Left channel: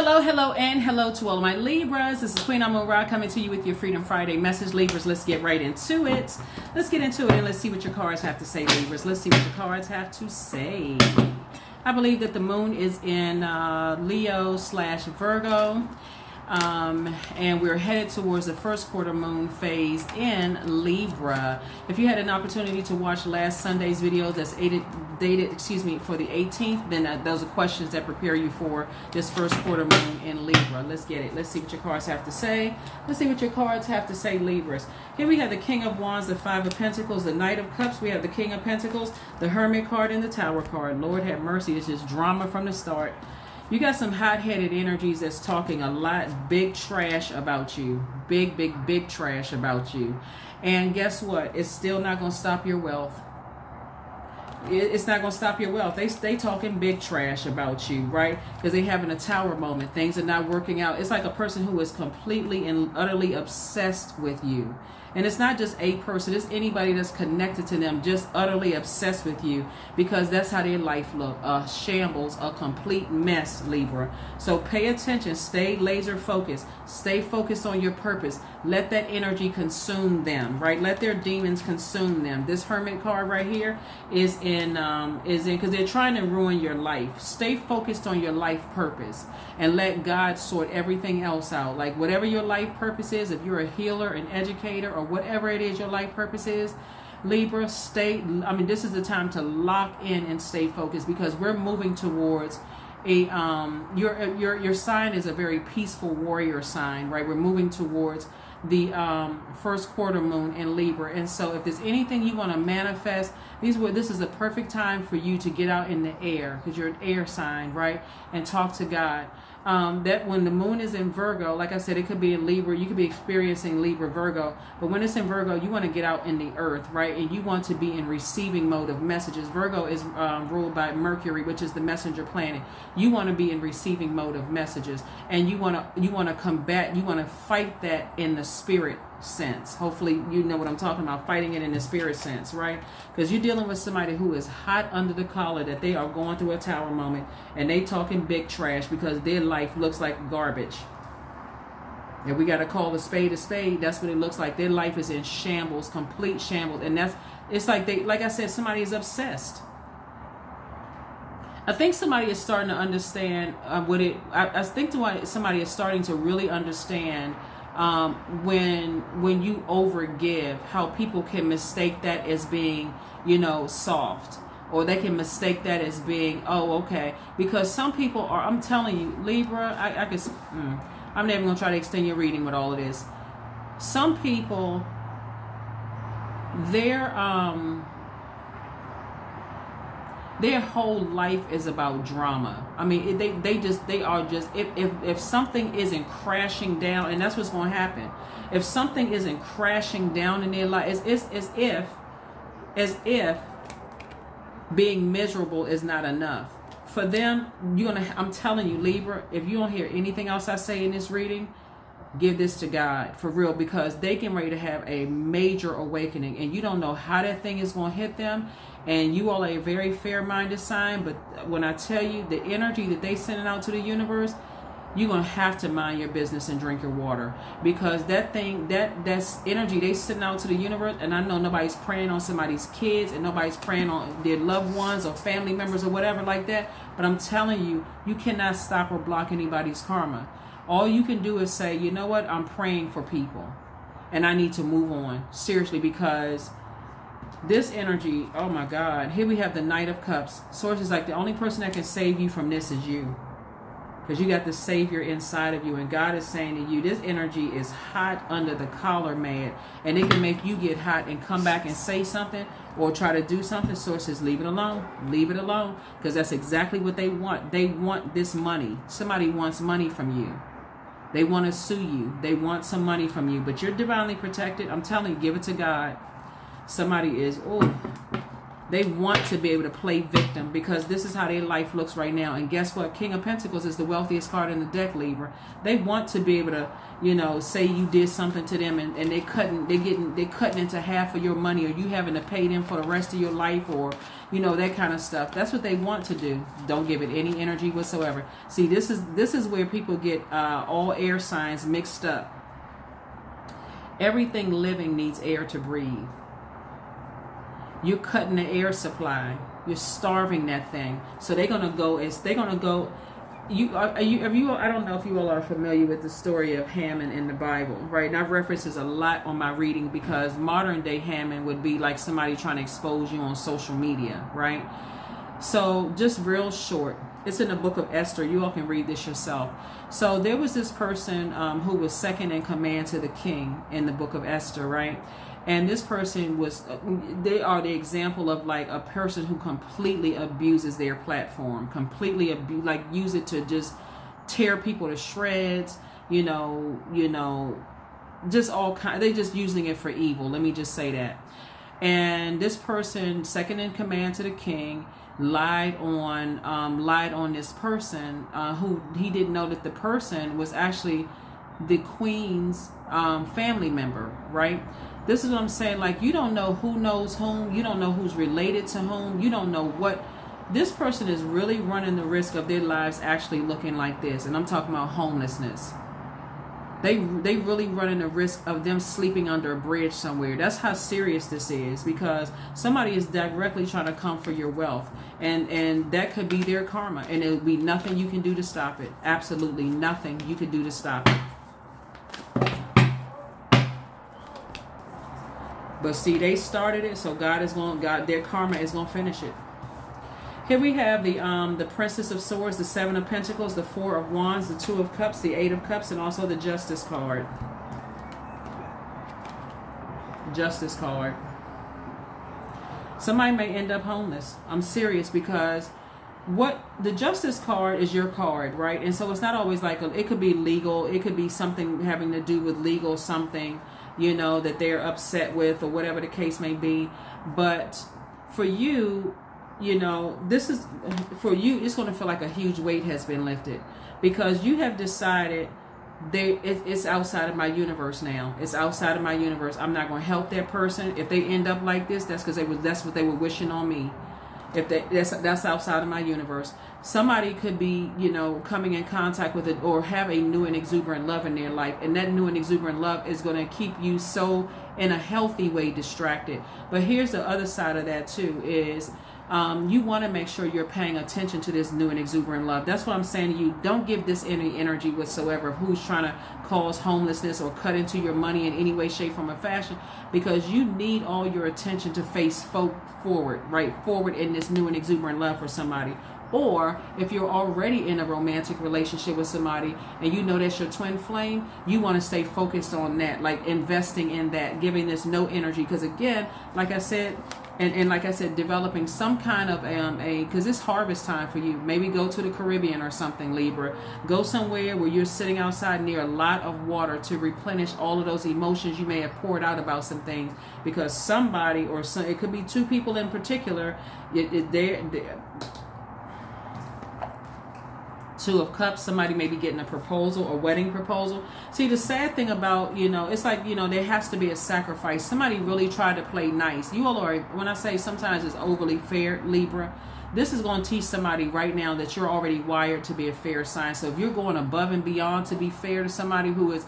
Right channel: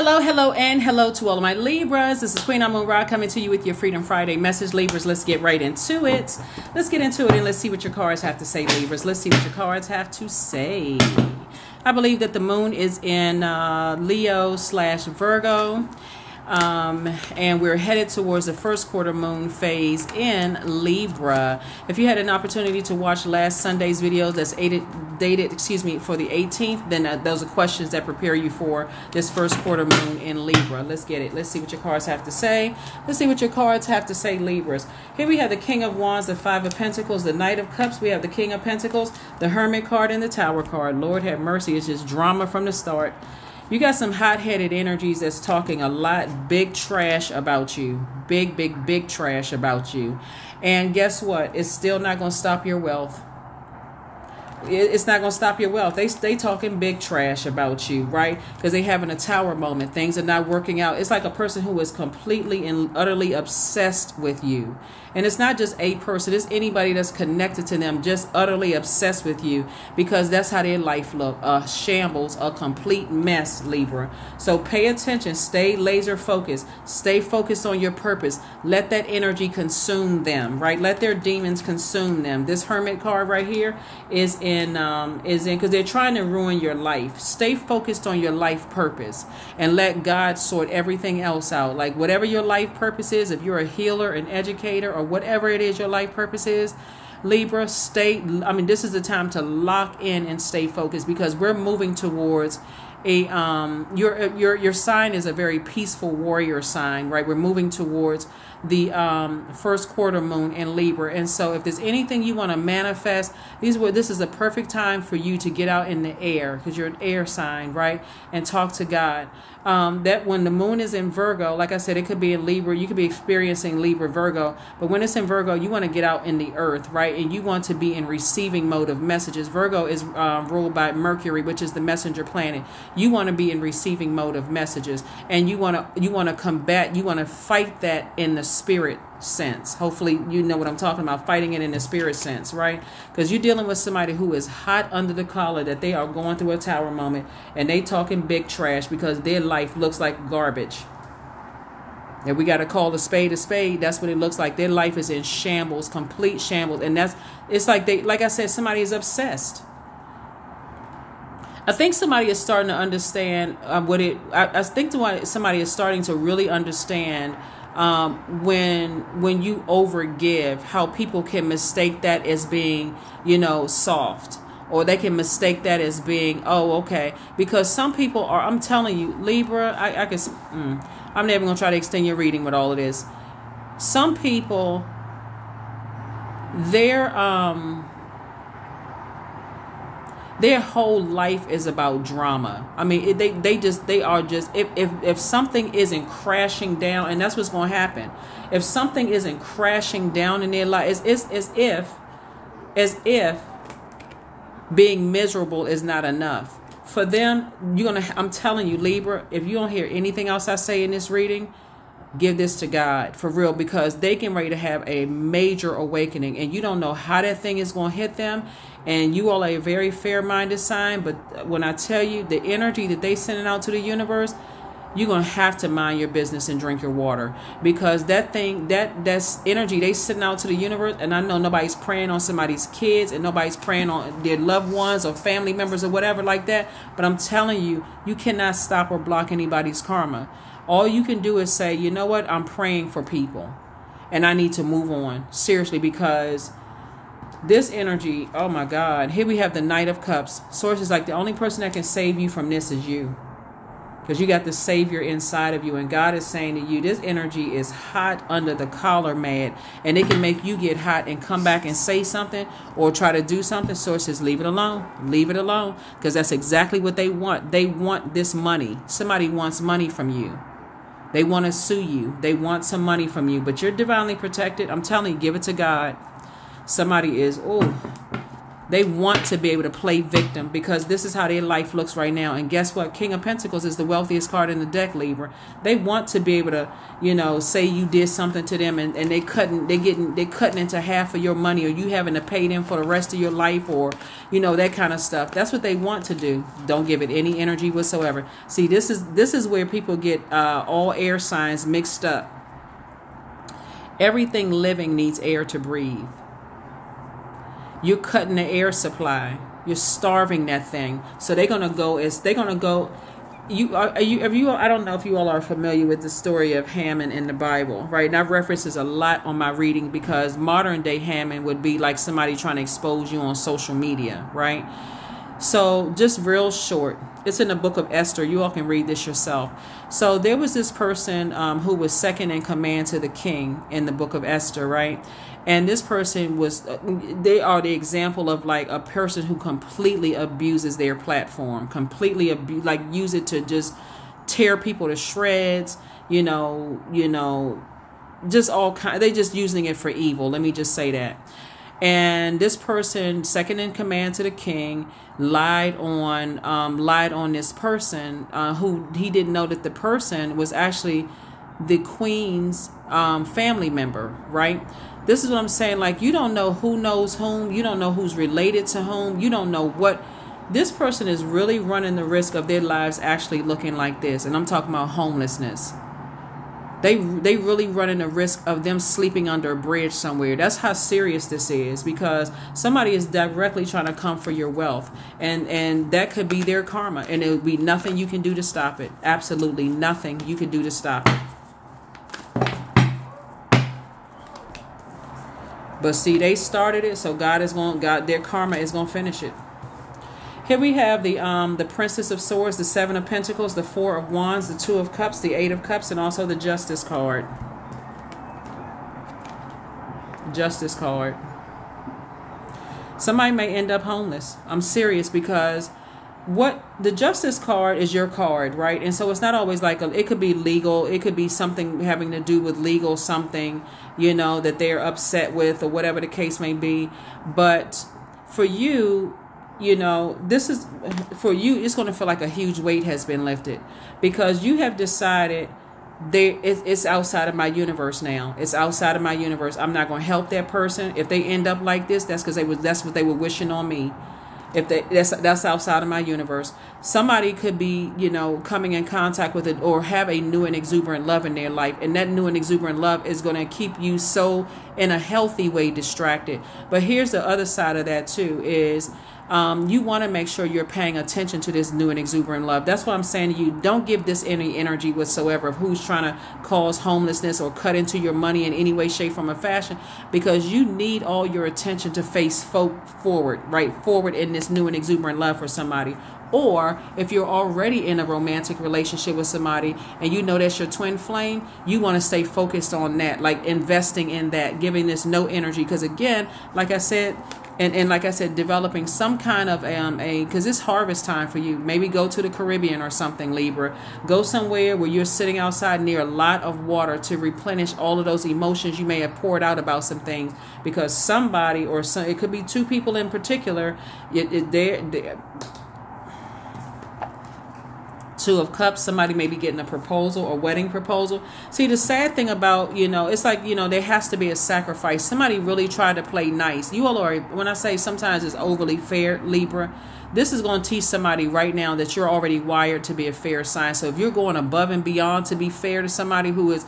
Hello, hello, and hello to all of my Libras. This is Queen Amun Ra coming to you with your Freedom Friday message. Libras, let's get right into it. Let's get into it and let's see what your cards have to say, Libras. Let's see what your cards have to say. I believe that the moon is in Leo/Virgo. And we're headed towards the first quarter moon phase in Libra. If you had an opportunity to watch last Sunday's video that's dated for the 18th, then those are questions that prepare you for this first quarter moon in Libra. Let's get it. Let's see what your cards have to say. Let's see what your cards have to say, Libras. Here we have the King of Wands, the Five of Pentacles, the Knight of Cups. We have the King of Pentacles, the Hermit card, and the Tower card. Lord have mercy. It's just drama from the start. You got some hot-headed energies that's talking a lot big trash about you. Big trash about you. And guess what? It's still not going to stop your wealth. It's not going to stop your wealth. They talking big trash about you, right? Because they having a tower moment. Things are not working out. It's like a person who is completely and utterly obsessed with you. And it's not just a person. It's anybody that's connected to them, just utterly obsessed with you, because that's how their life look. A shambles, a complete mess, Libra. So pay attention. Stay laser focused. Stay focused on your purpose. Let that energy consume them, right? Let their demons consume them. This Hermit card right here is in because they're trying to ruin your life. Stay focused on your life purpose and let God sort everything else out. Like whatever your life purpose is, if you're a healer, an educator, or whatever it is your life purpose is, Libra, this is the time to lock in and stay focused, because we're moving towards a your sign is a very peaceful warrior sign, right? We're moving towards the first quarter moon in Libra. And so if there's anything you want to manifest, this is a perfect time for you to get out in the air, because you're an air sign, right? And talk to God. That when the moon is in Virgo, like I said, it could be in Libra. You could be experiencing Libra, Virgo. But when it's in Virgo, you want to get out in the earth, right? And you want to be in receiving mode of messages. Virgo is ruled by Mercury, which is the messenger planet. You want to be in receiving mode of messages, and you want to combat. You want to fight that in the spirit sense. Hopefully you know what I'm talking about, fighting it in the spirit sense, right? Because you're dealing with somebody who is hot under the collar, that they are going through a tower moment, and they talking big trash because their life looks like garbage. And we got to call a spade a spade. That's what it looks like. Their life is in shambles, complete shambles. And it's like like I said, somebody is obsessed. I think somebody is starting to understand I think somebody is starting to really understand when you overgive, how people can mistake that as being, soft, or they can mistake that as being, oh, okay, because some people are, I'm telling you, Libra, I'm never going to try to extend your reading with all of this. Some people, their whole life is about drama. I mean, they are just, if something isn't crashing down, and that's what's going to happen. If something isn't crashing down in their life, it's as if being miserable is not enough. For them, I'm telling you, Libra, if you don't hear anything else I say in this reading, give this to God for real, because they can ready to have a major awakening, and you don't know how that thing is going to hit them. And you all are a very fair-minded sign, but when I tell you the energy that they sending out to the universe, you're going to have to mind your business and drink your water, because that's energy they sending out to the universe. And I know nobody's praying on somebody's kids, and nobody's praying on their loved ones or family members or whatever like that. But I'm telling you, you cannot stop or block anybody's karma. All you can do is say, you know what, I'm praying for people, and I need to move on. Seriously, because this energy, oh my God. Here we have the Knight of Cups. Source is like, the only person that can save you from this is you, because you got the Savior inside of you. And God is saying to you, this energy is hot under the collar, mad, and it can make you get hot and come back and say something or try to do something. Source says, leave it alone. Leave it alone, because that's exactly what they want. They want this money. Somebody wants money from you. They want to sue you. They want some money from you, but you're divinely protected. I'm telling you, give it to God. Somebody is, oh, They want to be able to play victim because this is how their life looks right now. And guess what? King of Pentacles is the wealthiest card in the deck, Libra. They want to be able to, you know, say you did something to them and they're cutting into half of your money, or you having to pay them for the rest of your life, or, you know, that kind of stuff. That's what they want to do. Don't give it any energy whatsoever. See, this is where people get all air signs mixed up. Everything living needs air to breathe. You're cutting the air supply. You're starving that thing. So they're gonna go. I don't know if you all are familiar with the story of Haman in the Bible, right? And I've referenced this a lot on my reading because modern day Haman would be like somebody trying to expose you on social media, right? So just real short, it's in the book of Esther. You all can read this yourself. So there was this person who was second in command to the king in the book of Esther, right? And this person was, they are the example of like a person who completely abuses their platform, like use it to just tear people to shreds, you know, just all kind. They just using it for evil. Let me just say that. And this person, second in command to the king, lied on this person who he didn't know that the person was actually the queen's family member, right? This is what I'm saying. Like, you don't know who knows whom. You don't know who's related to whom. You don't know what. This person is really running the risk of their lives actually looking like this. And I'm talking about homelessness. They really running the risk of them sleeping under a bridge somewhere. That's how serious this is, because somebody is directly trying to come for your wealth. And that could be their karma. And it would be nothing you can do to stop it. Absolutely nothing you can do to stop it. But see, they started it, so their karma is going to finish it. Here we have the Princess of Swords, the Seven of Pentacles, the Four of Wands, the Two of Cups, the Eight of Cups, and also the Justice card. Justice card. Somebody may end up homeless. I'm serious, because what the Justice card is your card, right? And so it's not always like it could be legal. It could be something having to do with legal something, you know, that they're upset with, or whatever the case may be. But for you, you know, this is for you, it's going to feel like a huge weight has been lifted, because you have decided it's outside of my universe now. It's outside of my universe. I'm not going to help that person. If they end up like this, that's because that's what they were wishing on me. If that's outside of my universe. Somebody could be, you know, coming in contact with it, or have a new and exuberant love in their life, and that new and exuberant love is going to keep you so in a healthy way distracted. But here's the other side of that too, is you want to make sure you're paying attention to this new and exuberant love. That's what I'm saying to you. Don't give this any energy whatsoever of who's trying to cause homelessness or cut into your money in any way, shape, form, or fashion, because you need all your attention to face forward, right? Forward in this new and exuberant love for somebody. Or if you're already in a romantic relationship with somebody and you know that's your twin flame, you want to stay focused on that, like investing in that, giving this no energy. Because again, like I said, and like I said, developing some kind of because it's harvest time for you. Maybe go to the Caribbean or something, Libra. Go somewhere where you're sitting outside near a lot of water to replenish all of those emotions you may have poured out about some things. Because somebody, or it could be two people in particular, they're Two of Cups, somebody may be getting a proposal or wedding proposal. See, the sad thing about, you know, it's like, you know, there has to be a sacrifice. Somebody really tried to play nice. You all are, when I say sometimes it's overly fair, Libra, this is going to teach somebody right now that you're already wired to be a fair sign. So if you're going above and beyond to be fair to somebody who is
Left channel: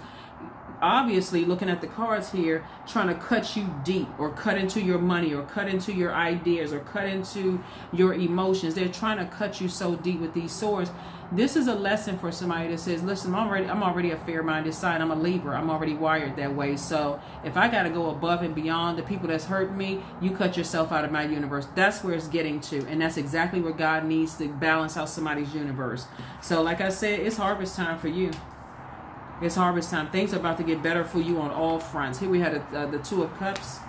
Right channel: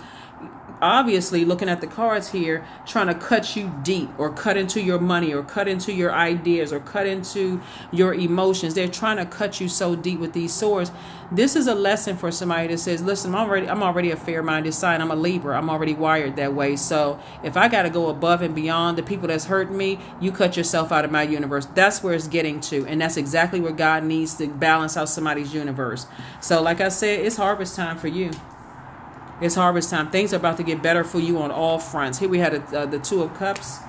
obviously, looking at the cards here, trying to cut you deep, or cut into your money, or cut into your ideas, or cut into your emotions. They're trying to cut you so deep with these swords. This is a lesson for somebody that says, listen, I'm already a fair-minded sign. I'm a Libra. I'm already wired that way. So if I got to go above and beyond the people that's hurting me, you cut yourself out of my universe. That's where it's getting to. And that's exactly where God needs to balance out somebody's universe. So like I said, it's harvest time for you. It's harvest time. Things are about to get better for you on all fronts. Here we had the Two of Cups.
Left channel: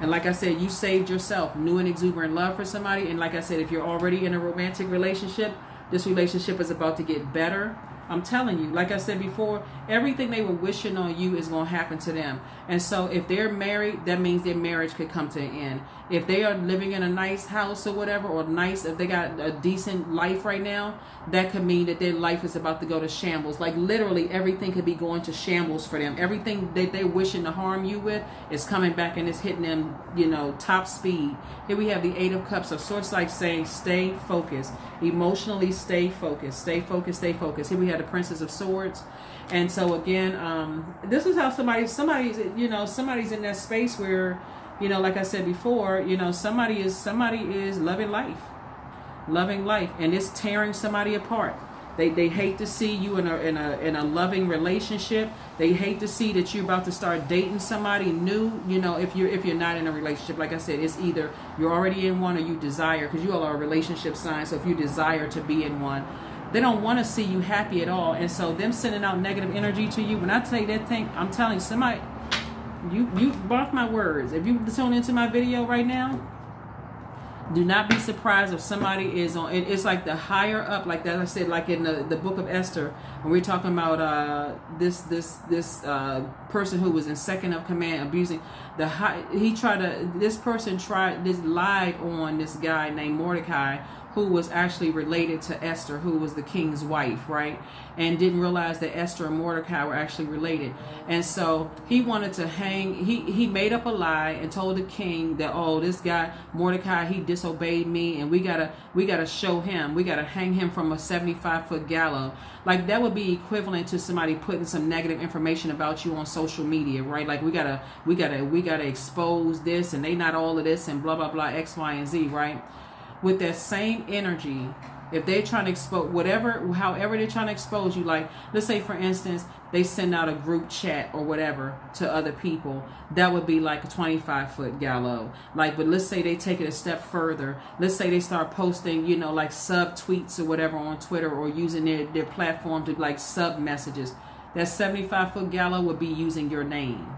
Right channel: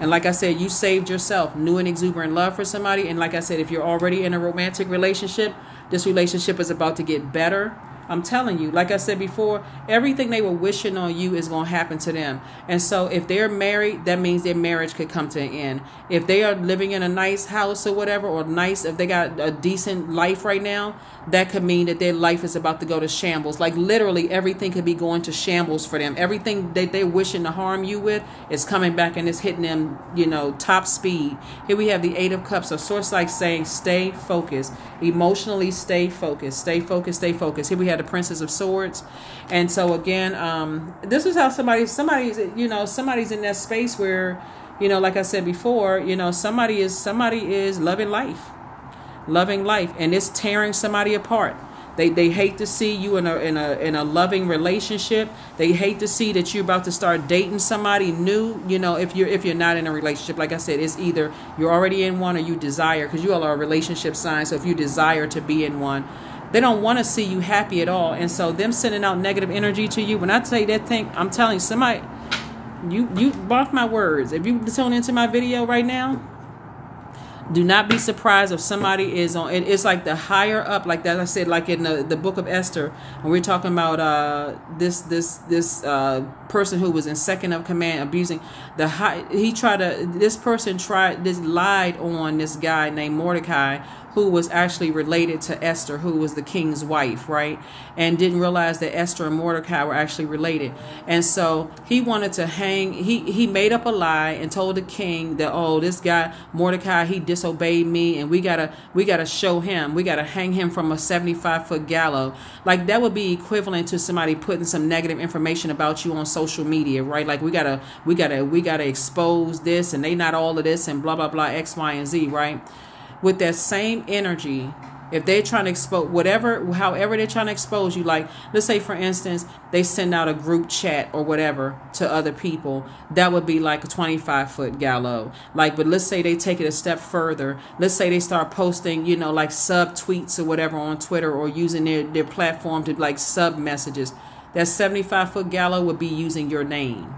And like I said, you saved yourself. New and exuberant love for somebody. And like I said, if you're already in a romantic relationship, this relationship is about to get better. I'm telling you, like I said before, everything they were wishing on you is going to happen to them. And so if they're married, that means their marriage could come to an end. If they are living in a nice house or whatever, or nice, if they got a decent life right now, that could mean that their life is about to go to shambles. Like literally everything could be going to shambles for them. Everything that they're wishing to harm you with is coming back and it's hitting them, you know, top speed. Here we have the Eight of Cups. So source like saying, stay focused. Emotionally stay focused. Stay focused, stay focused. Here we have the Princess of Swords. And so again, this is how somebody's in that space where, you know, like I said before, you know, somebody is loving life. Loving life, and it's tearing somebody apart. They hate to see you in a loving relationship. They hate to see that you're about to start dating somebody new. You know, if you're not in a relationship, like I said, it's either you're already in one or you desire, because you all are a relationship sign. So if you desire to be in one, they don't want to see you happy at all. And so them sending out negative energy to you, when I say that thing, I'm telling you, somebody, you mark my words. If you tune into my video right now, do not be surprised if somebody is on. It's like the higher up, like that I said, like in the book of Esther, when we're talking about this person who was in second of command, abusing this person lied on this guy named Mordecai, who was actually related to Esther, who was the king's wife, right? And didn't realize that Esther and Mordecai were actually related. And so he wanted to hang, he made up a lie and told the king that, oh, this guy, Mordecai, he disobeyed me, and we gotta show him, we gotta hang him from a 75-foot gallows. Like that would be equivalent to somebody putting some negative information about you on social media, right? Like we gotta expose this, and they not all of this, and blah, blah, blah, X, Y, and Z, right? With that same energy, if they're trying to expose however they're trying to expose you, like let's say for instance they send out a group chat or whatever to other people, that would be like a 25-foot gallows. Like, but let's say they take it a step further. Let's say they start posting, you know, like sub tweets or whatever on Twitter, or using their platform to like sub messages. That 75-foot gallows would be using your name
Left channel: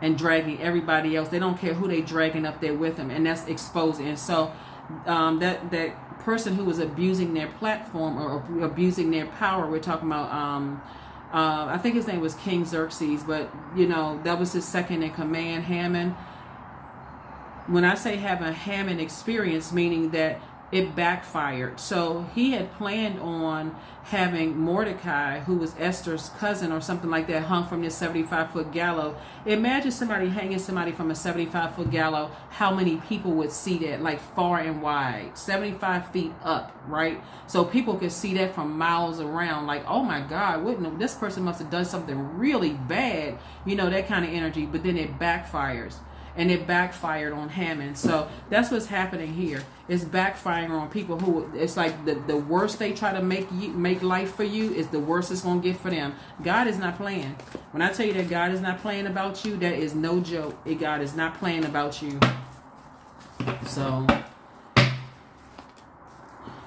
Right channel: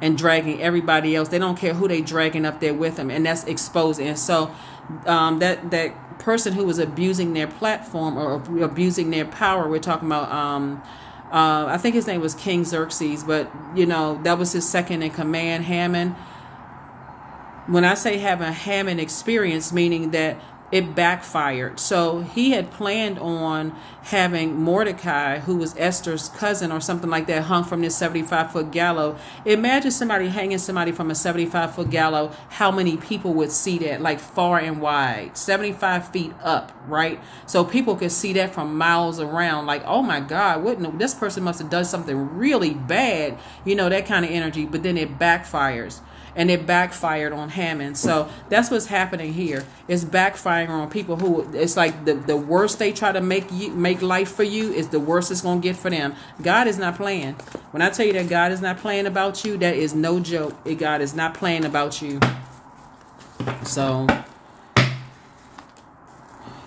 and dragging everybody else. They don't care who they dragging up there with them, and that's exposing. And so that person who was abusing their platform or abusing their power, we're talking about I think his name was King Xerxes, but you know, that was his second in command, Haman. When I say have a Haman experience, meaning that it backfired. So he had planned on having Mordecai, who was Esther's cousin or something like that, hung from this 75-foot gallows. Imagine somebody hanging somebody from a 75-foot gallows, how many people would see that, like far and wide, 75 feet up, right? So people could see that from miles around, like, oh my God, this person must have done something really bad, you know, that kind of energy. But then it backfires. And it backfired on Haman. So that's what's happening here. It's backfiring on people who, it's like the worse they try to make life for you is the worse it's going to get for them. God is not playing. When I tell you that God is not playing about you, that is no joke. God is not playing about you. So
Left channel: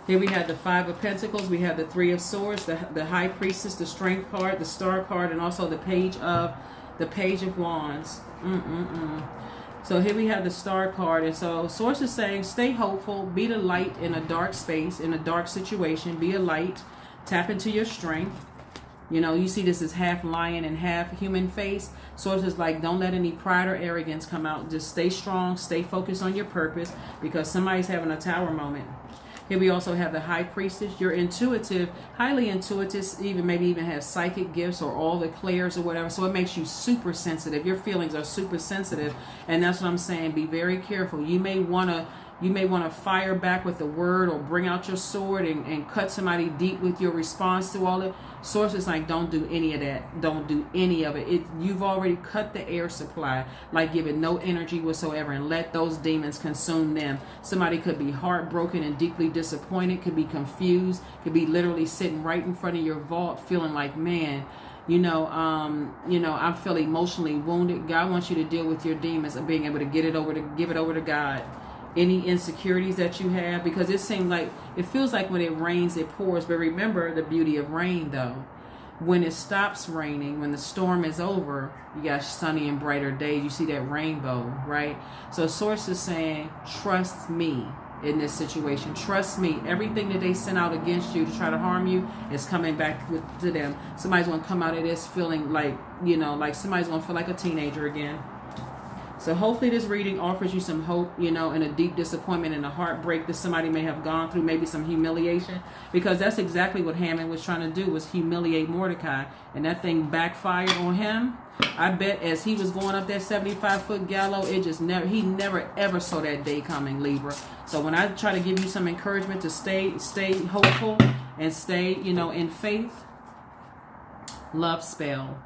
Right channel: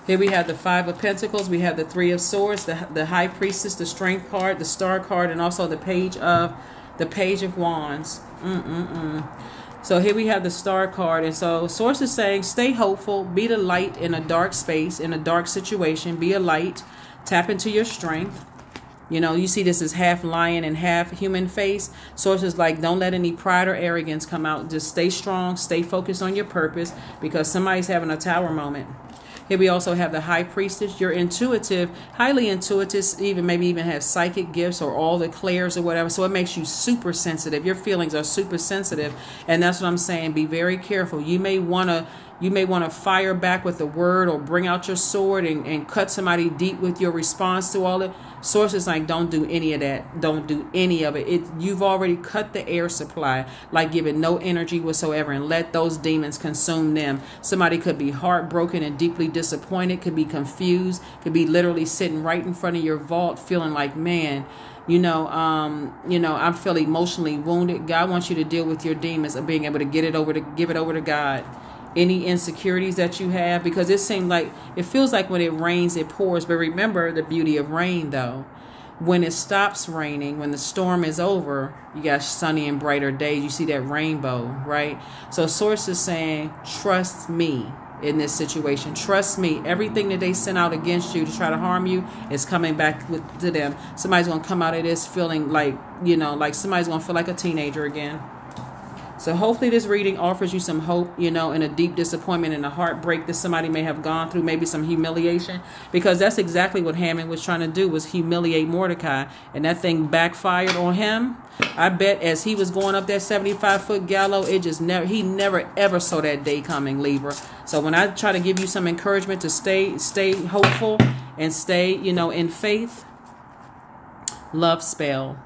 here we have the Five of Pentacles. We have the Three of Swords, the High Priestess, the Strength card, the Star card, and also the Page of Wands. So here we have the Star card. And so Source is saying, stay hopeful, be the light in a dark space, in a dark situation, be a light, tap into your strength. You know, you see this is half lion and half human face. Source is like, don't let any pride or arrogance come out. Just stay strong, stay focused on your purpose, because somebody's having a tower moment. Here we also have the High Priestess. You're intuitive, highly intuitive, maybe even have psychic gifts or all the clairs or whatever. So it makes you super sensitive. Your feelings are super sensitive. And that's what I'm saying. Be very careful. You may want to fire back with a word or bring out your sword and cut somebody deep with your response to all that. Source is like, don't do any of that. Don't do any of it. You've already cut the air supply, like give it no energy whatsoever, and let those demons consume them. Somebody could be heartbroken and deeply disappointed, could be confused, could be literally sitting right in front of your vault feeling like, man, I feel emotionally wounded. God wants you to deal with your demons of being able to give it over to God. Any insecurities that you have, because it feels like when it rains, it pours. But remember the beauty of rain, though. When it stops raining, when the storm is over, you got sunny and brighter days. You see that rainbow, right? So Source is saying, trust me. in this situation. Trust me, everything that they sent out against you to try to harm you is coming back to them. Somebody's going to come out of this feeling like, you know, like somebody's going to feel like a teenager again. So hopefully this reading offers you some hope, you know, and a deep disappointment and a heartbreak that somebody may have gone through, maybe some humiliation, because that's exactly what Haman was trying to do, was humiliate Mordecai, and that thing backfired on him. I bet as he was going up that 75-foot gallows, he never ever saw that day coming, Libra. So when I try to give you some encouragement to stay hopeful and stay, you know, in faith, love spell.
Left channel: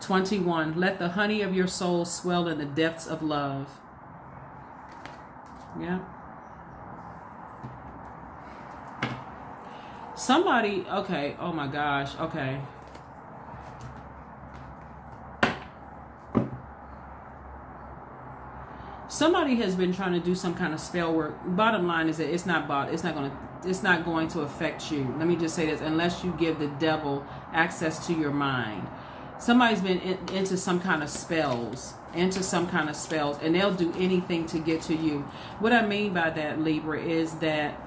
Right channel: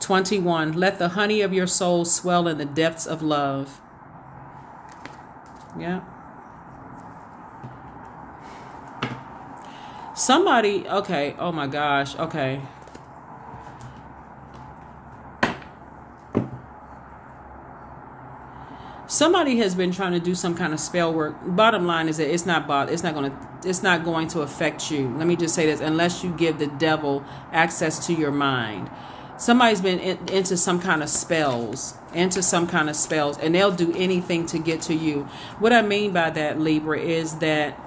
21, let the honey of your soul swell in the depths of love. Yeah. Somebody, okay, oh my gosh, okay. Somebody has been trying to do some kind of spell work. Bottom line is that it's not going to affect you. Let me just say this, unless you give the devil access to your mind. Somebody's been into some kind of spells, and they'll do anything to get to you. What I mean by that, Libra, is that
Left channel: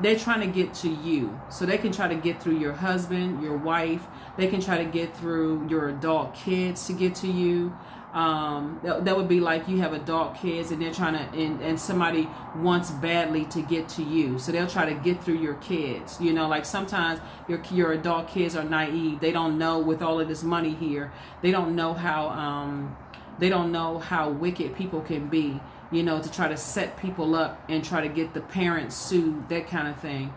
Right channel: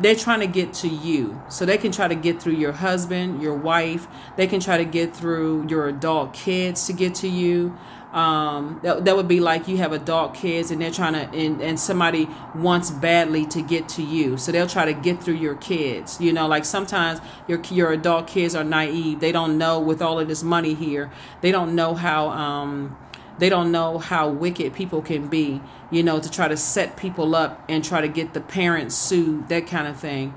they're trying to get to you. So they can try to get through your husband, your wife. They can try to get through your adult kids to get to you. That would be like you have adult kids and they're trying to, and somebody wants badly to get to you. So they'll try to get through your kids. You know, like sometimes your adult kids are naive. They don't know, with all of this money here, they don't know how wicked people can be, you know, to try to set people up and try to get the parents sued, that kind of thing.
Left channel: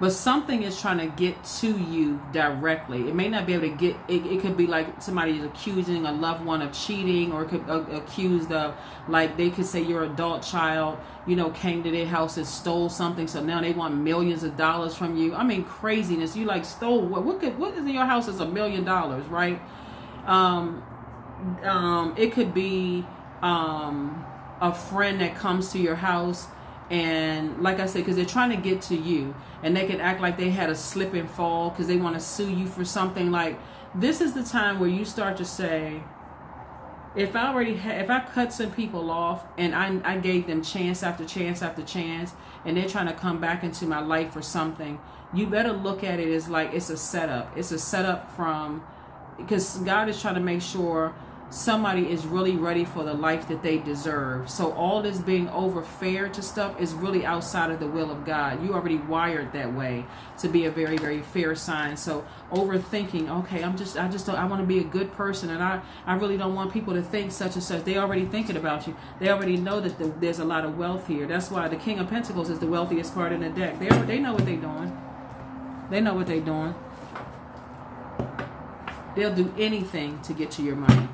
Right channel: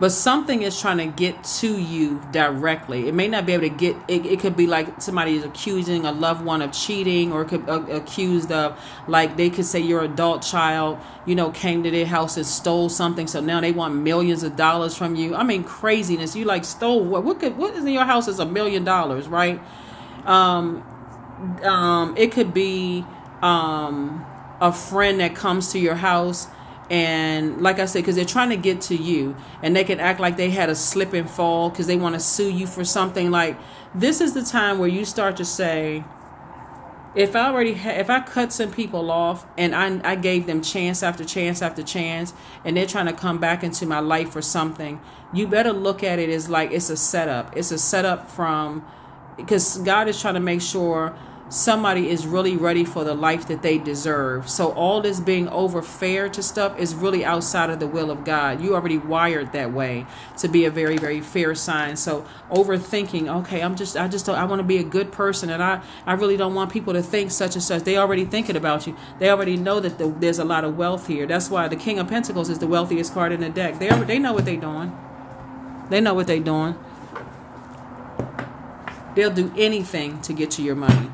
But something is trying to get to you directly. It may not be able to get, it could be like somebody is accusing a loved one of cheating, or could accused of, like they could say your adult child, you know, came to their house and stole something. So now they want millions of dollars from you. I mean, craziness. You like stole what? What is in your house is $1 million, right? It could be a friend that comes to your house. And like I said, because they're trying to get to you, and they can act like they had a slip and fall because they want to sue you for something. Like, this is the time where you start to say, if I cut some people off and I gave them chance after chance after chance, and they're trying to come back into my life for something, you better look at it as like it's a setup. It's a setup because God is trying to make sure somebody is really ready for the life that they deserve. So all this being over fair to stuff is really outside of the will of God. You already wired that way to be a very, very fair sign. So overthinking, okay, I want to be a good person, and I really don't want people to think such and such. They already thinking about you. They already know that there's a lot of wealth here. That's why the King of Pentacles is the wealthiest card in the deck. They know what they're doing. They know what they're doing. They'll do anything to get to your money.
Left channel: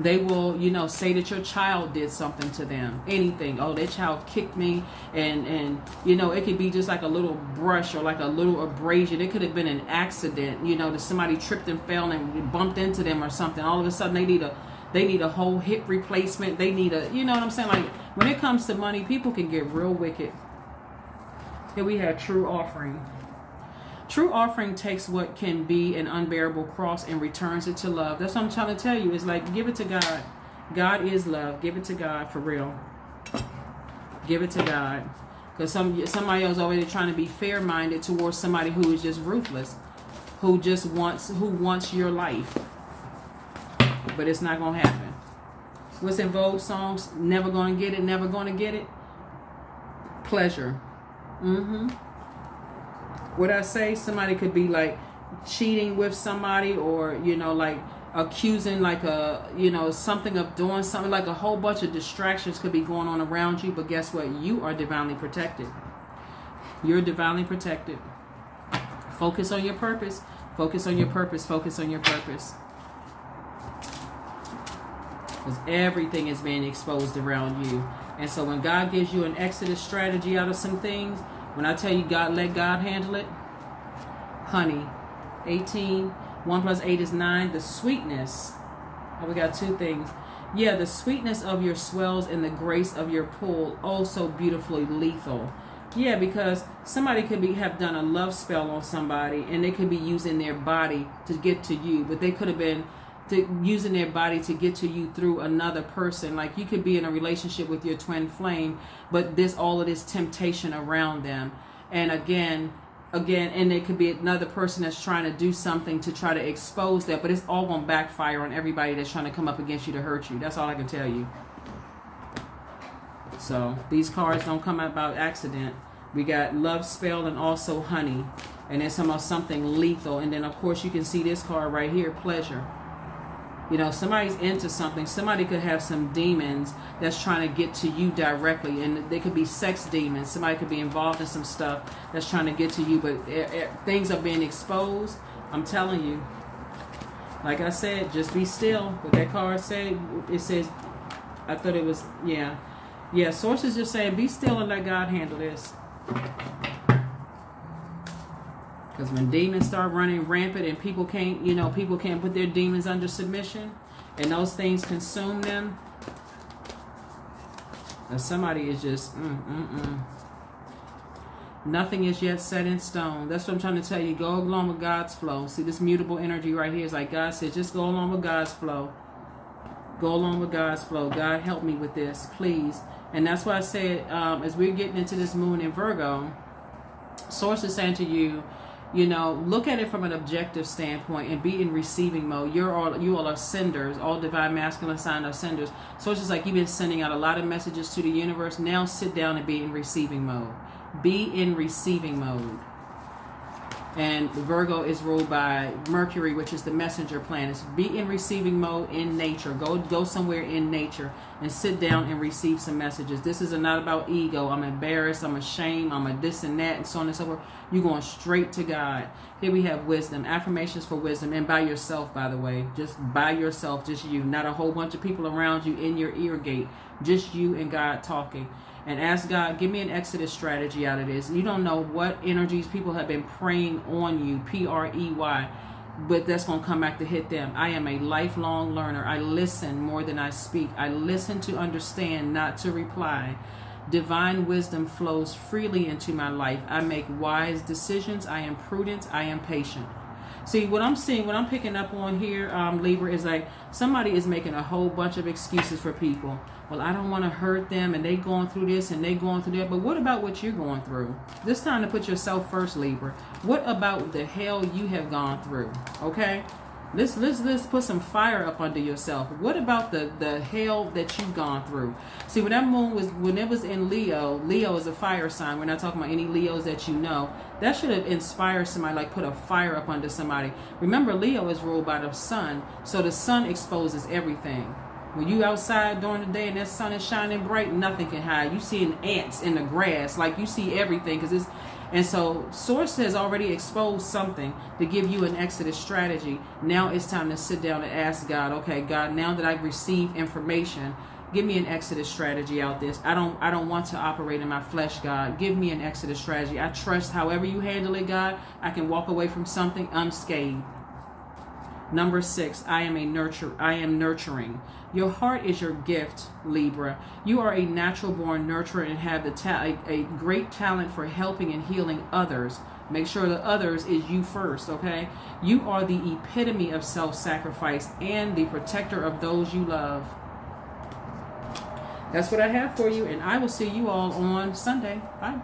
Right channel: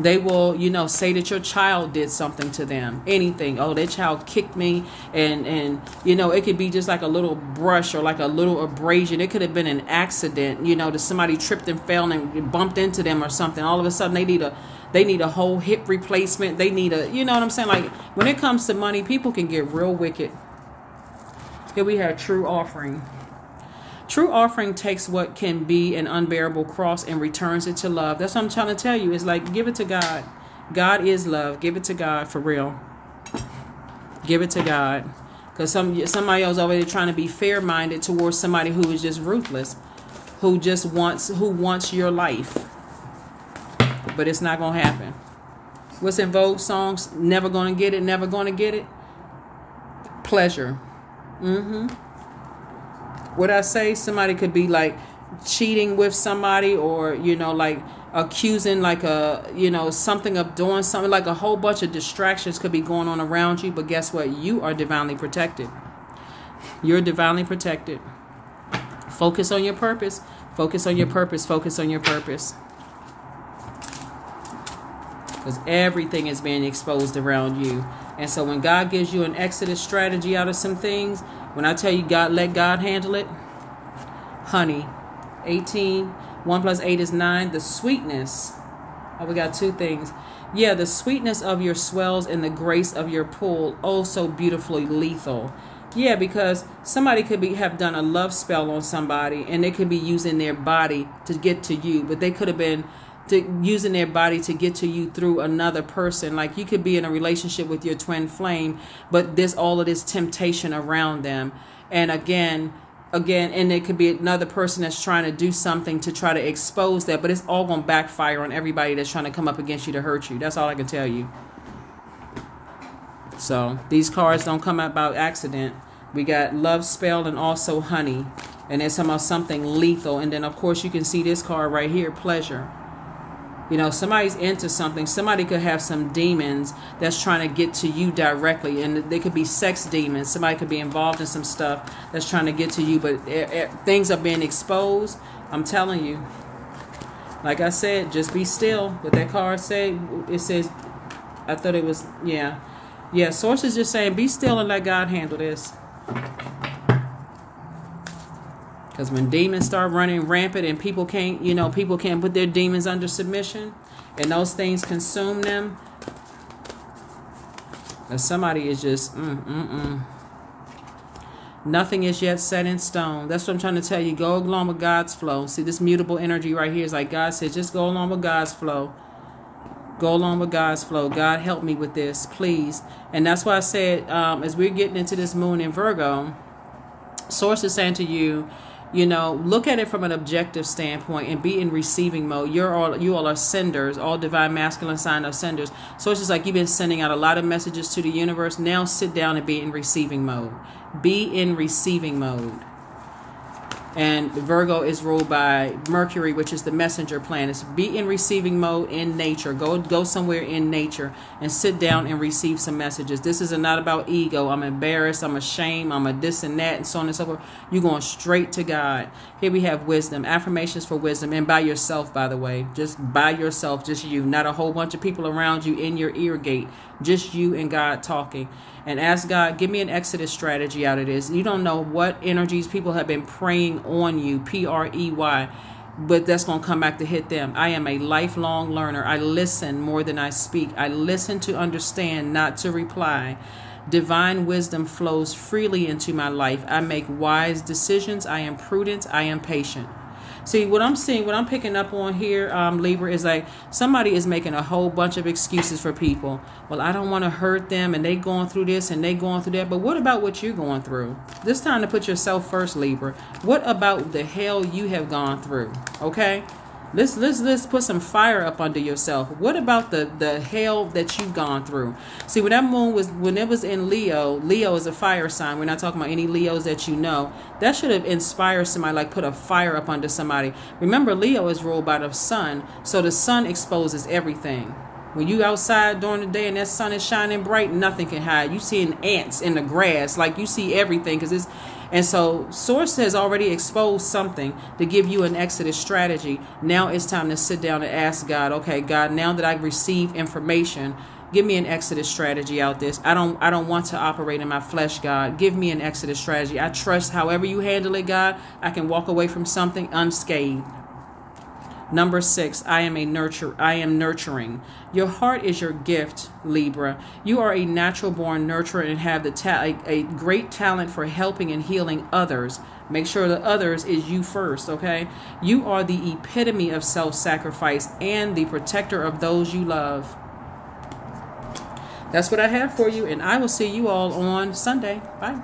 They will, you know, say that your child did something to them. Anything. Oh, that child kicked me. And you know, it could be just like a little brush or like a little abrasion. It could have been an accident, you know, that somebody tripped and fell and bumped into them or something. All of a sudden they need a whole hip replacement. They need you know what I'm saying? Like, when it comes to money, people can get real wicked. Here we have true offering. True offering takes what can be an unbearable cross and returns it to love. That's what I'm trying to tell you. It's like, give it to God. God is love. Give it to God for real. Give it to God. Because somebody else already trying to be fair-minded towards somebody who is just ruthless, who wants your life. But it's not going to happen. What's in Vogue songs? Never going to get it. Never going to get it. Pleasure. What I say, somebody could be like cheating with somebody, or, you know, like accusing, like you know, something of doing something, like a whole bunch of distractions could be going on around you. But guess what? You are divinely protected. You're divinely protected. Focus on your purpose. Focus on your purpose. Focus on your purpose. Because everything is being exposed around you. And so when God gives you an exodus strategy out of some things, when I tell you God, let God handle it, honey, 18, 1 + 8 is 9, the sweetness, oh, we got two things. Yeah, the sweetness of your swells and the grace of your pull, oh so beautifully lethal. Yeah, because somebody could have done a love spell on somebody, and they could be using their body to get to you, but they could have been using their body to get to you through another person. Like you could be in a relationship with your twin flame, but there's all of this temptation around them. And again, and it could be another person that's trying to do something to try to expose that, but it's all going to backfire on everybody that's trying to come up against you to hurt you. That's all I can tell you. So these cards don't come out by accident. We got love spell and also honey. And it's about something lethal. And then, of course, you can see this card right here, pleasure. You know, somebody's into something. Somebody could have some demons that's trying to get to you directly. And they could be sex demons. Somebody could be involved in some stuff that's trying to get to you. But things are being exposed. I'm telling you. Like I said, just be still. What that card said, it says, I thought it was, yeah. Yeah, Source is just saying, be still and let God handle this. Because when demons start running rampant and people can't, you know, people can't put their demons under submission and those things consume them, and somebody is just, nothing is yet set in stone. That's what I'm trying to tell you. Go along with God's flow. See, this mutable energy right here is like God says, just go along with God's flow. Go along with God's flow. God, help me with this, please. And that's why I said, as we're getting into this moon in Virgo, Source is saying to you, you know, look at it from an objective standpoint and be in receiving mode. You all are senders. All divine masculine sign are senders. So it's just like you've been sending out a lot of messages to the universe. Now sit down and be in receiving mode. Be in receiving mode. And Virgo is ruled by Mercury, which is the messenger planet. Be in receiving mode in nature. Go somewhere in nature and sit down and receive some messages. This is not about ego. I'm embarrassed. I'm ashamed. I'm a this and that and so on and so forth. You're going straight to God. Here we have wisdom. Affirmations for wisdom. And by yourself, by the way. Just by yourself. Just you. Not a whole bunch of people around you in your ear gate. Just you and God talking. And ask God, give me an exodus strategy out of this. You don't know what energies people have been preying on you, P-R-E-Y, but that's going to come back to hit them. I am a lifelong learner. I listen more than I speak. I listen to understand, not to reply. Divine wisdom flows freely into my life. I make wise decisions. I am prudent. I am patient. See, what I'm seeing, what I'm picking up on here, Libra, is like somebody is making a whole bunch of excuses for people. Well, I don't want to hurt them, and they going through this, and they going through that. But what about what you're going through? This time to put yourself first, Libra. What about the hell you have gone through? Okay? Let's put some fire up under yourself. What about the hell that you've gone through? See, when that moon was, when it was in Leo, Leo is a fire sign. We're not talking about any Leos that you know. That should have inspired somebody, like put a fire up under somebody. Remember, Leo is ruled by the sun, so the sun exposes everything. When you outside during the day and that sun is shining bright, nothing can hide. You seeing ants in the grass, like you see everything, because it's. And so Source has already exposed something to give you an exodus strategy. Now it's time to sit down and ask God, okay, God, now that I've received information, give me an exodus strategy out this. I don't want to operate in my flesh, God. Give me an exodus strategy. I trust however you handle it, God, I can walk away from something unscathed. Number 6, I am nurturing. Your heart is your gift, Libra. You are a natural born nurturer and have a great talent for helping and healing others. Make sure the others is you first, okay? You are the epitome of self-sacrifice and the protector of those you love. That's what I have for you, and I will see you all on Sunday. Bye.